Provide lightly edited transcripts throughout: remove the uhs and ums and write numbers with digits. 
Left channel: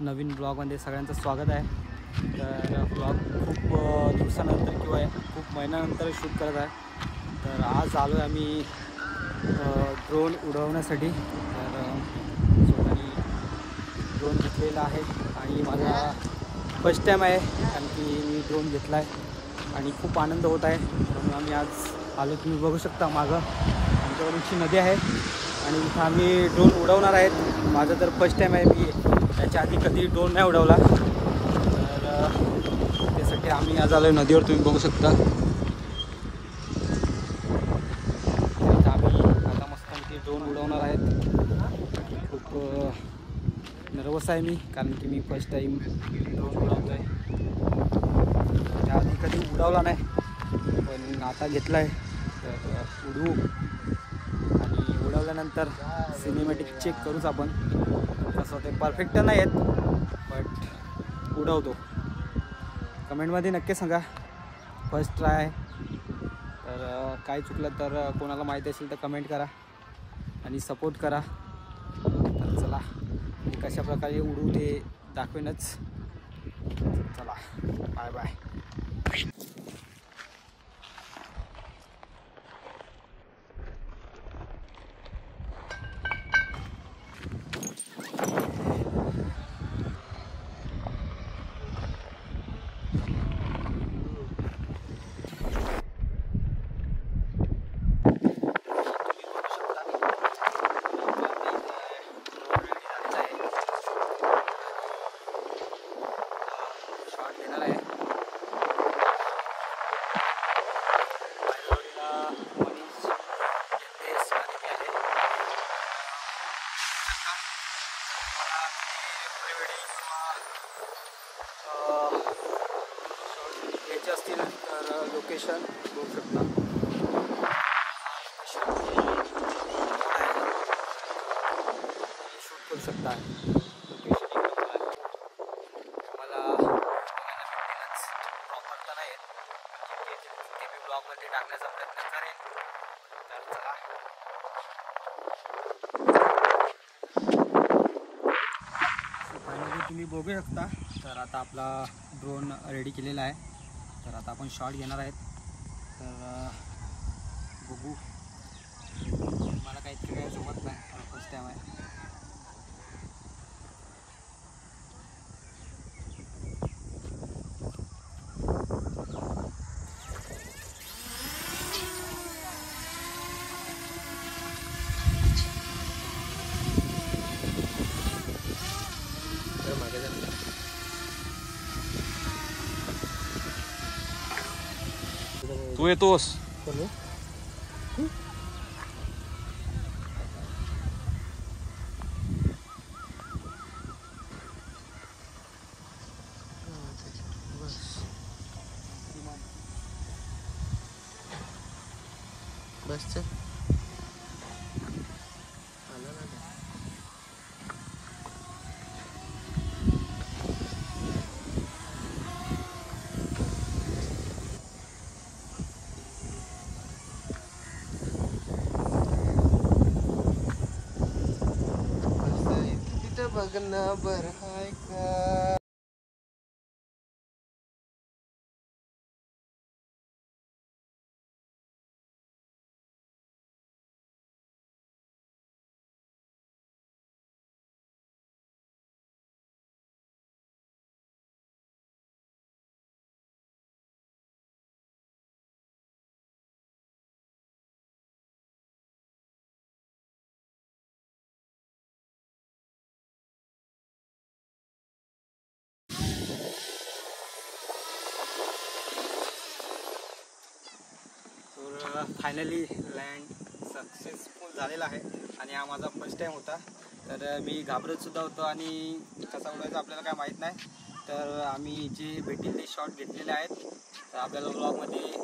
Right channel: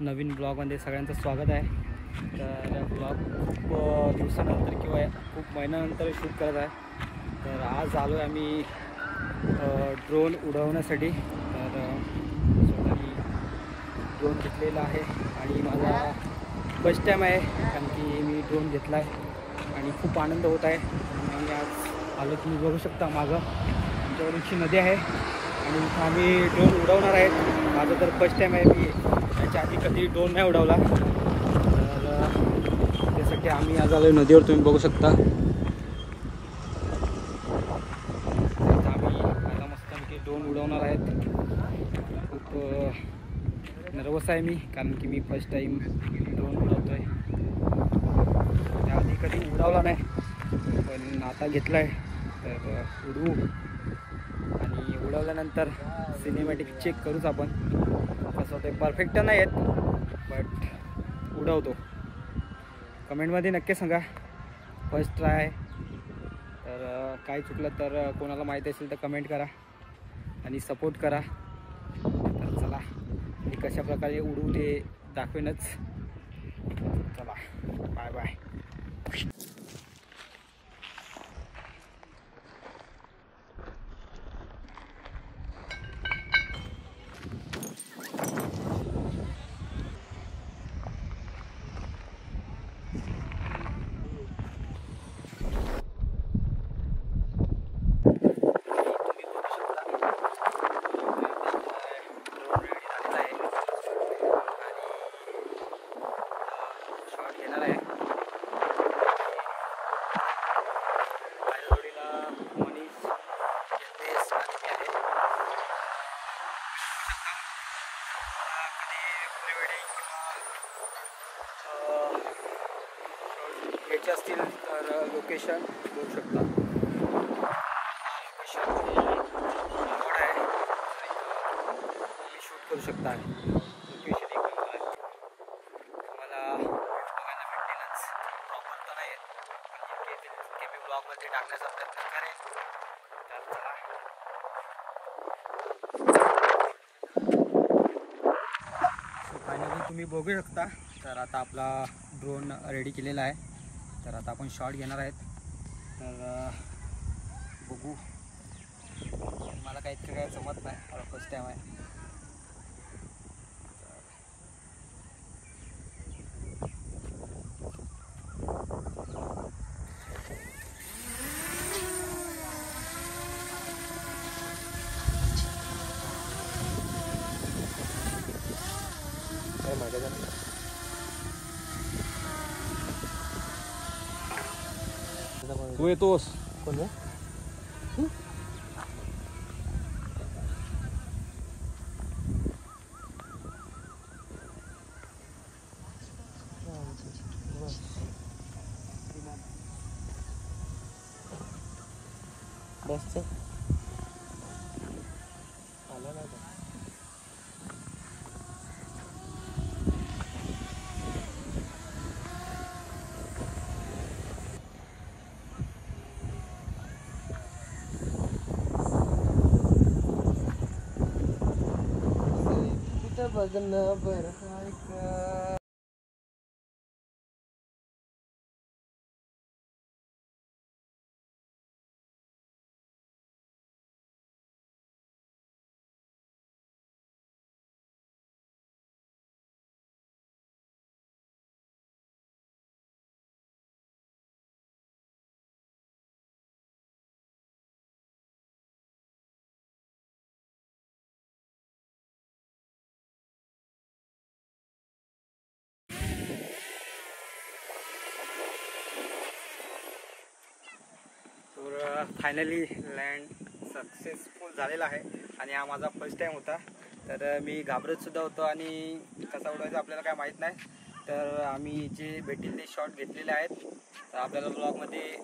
नवीन ब्लॉगमध्ये सगळ्यांचं स्वागत आहे। तर ब्लॉग खूप दिवसानंतर किंवा खूप महिन्यानंतर शूट करत आहे। तर आज आलो आहे आम्ही ड्रोन उडवण्यासाठी। तर स्वतःनी ड्रोन घेतलेला आहे आणि माझा फर्स्ट टाईम आहे, कारण की मी ड्रोन घेतला आहे आणि खूप आनंद होत आहे। म्हणून आम्ही आज आलो, तुम्ही बघू शकता मागं आमच्याकडूनची नदी आहे आणि इथं आम्ही ड्रोन उडवणार आहेत। माझं तर फर्स्ट टाईम आहे, मी याच्या आधी कधी ड्रोन नाही उडवला। त्यासाठी आम्ही आज आलो नदीवर, तुम्ही बघू शकता। आता मस्त आम्ही ड्रोन उडवणार आहेत। खूप नर्वस आहे मी, कारण की मी फर्स्ट टाईम ड्रोन उडवतो आहे। आम्ही कधी उडवला नाही, पण आता घेतला आहे। तर उडवू आणि उडवल्यानंतर सिनेमॅटिक चेक करूच आपण। कसं ते परफेक्ट नाही आहेत, बट उडवतो। कमेंटमध्ये नक्की सांगा, फर्स्ट ट्राय आहे। तर काय चुकलं तर कोणाला माहिती असेल तर कमेंट करा आणि सपोर्ट करा। तर चला, मी कशा प्रकारे उडू ते दाखवेनच। चला, बाय बाय। घ्यायचे असतील तर लोकेशन बघू शकता। शूट करू शकता, लोकेशन एकदम आहे। मला प्रॉपर तर नाही ते मी ब्लॉगमध्ये टाकण्याचा प्रयत्न करेन। तर चला, फायनली तुम्ही बघू शकता। तर आता आपला ड्रोन रेडी केलेला आहे। तर आता आपण शॉट घेणार आहेत। तर बघू, मला काही इतकं काय जमत नाही, मला फर्स्ट टाईम आहे। तू येतोस? बस चल, आला ना। तिथं बघ ना बरं काय का। तर फायनली लँड सक्सेसफुल झालेला आहे आणि हा माझा फर्स्ट टाईम होता। तर मी घाबरतसुद्धा होतो आणि कसा उडवायचा आपल्याला काय माहीत नाही। तर आम्ही जे भेटेल ते शॉट घेतलेले आहेत, तर आपल्याला ब्लॉगमध्ये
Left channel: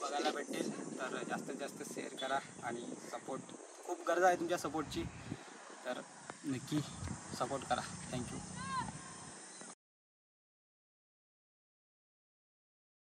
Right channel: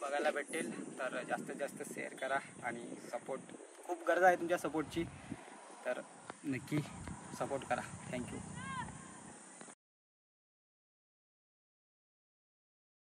बघायला भेटेल। तर जास्तीत जास्त शेअर करा आणि सपोर्ट, खूप गरज आहे तुमच्या सपोर्टची। तर नक्की सपोर्ट करा। थँक्यू।